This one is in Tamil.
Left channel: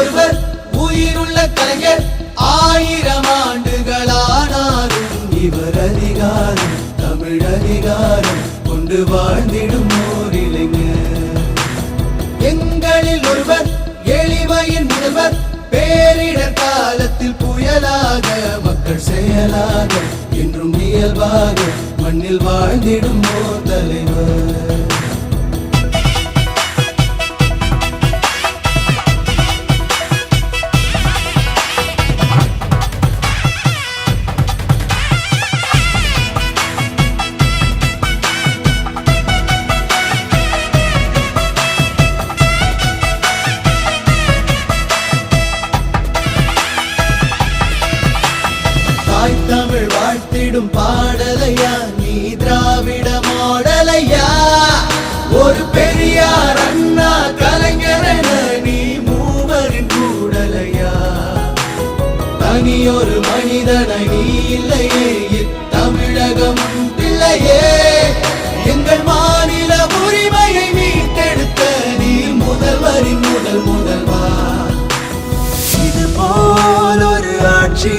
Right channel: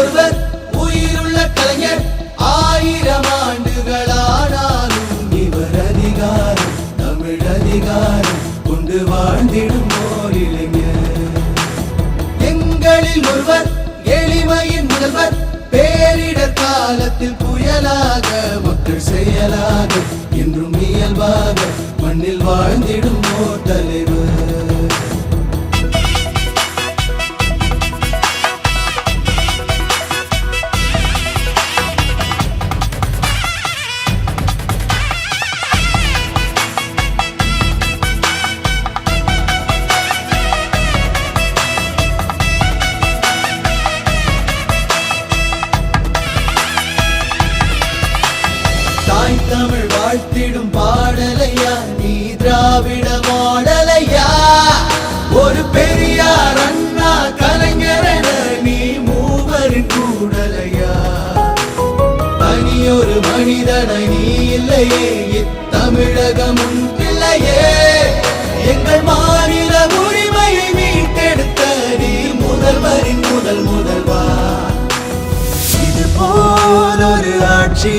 ஒருவர் உயிருள்ள கலைஞர் 1000 ஆண்டுகளானாலும் இவர் அதிகாரம் தமிழ் அதிகாரம் கொண்டு வாழ்ந்திடும் ஓர் இளைஞர். எங்களில் ஒருவர் எளிமையின் முதல்வர் பேரிடர் காலத்தில் புயலாக மக்கள் செயலாக என்றும் இயல்பாக மண்ணில் வாழ்ந்திடும் ஓர் தலைவர். தமிழ் வாழ்த்திடும் பாடலையா நீ திராவிட மாடலையா? ஒரு பெரியார் அண்ணா கலைஞரென நீ மூவரின் கூடலையா? தனியொரு மனிதனை நீ இல்லையே இத்தமிழகம் இல்லையே. எங்கள் மாநில உரிமையை மீட்டெடுத்த நீ முதல்வரின் முதல்வா. இது போல் ஒரு ஆட்சி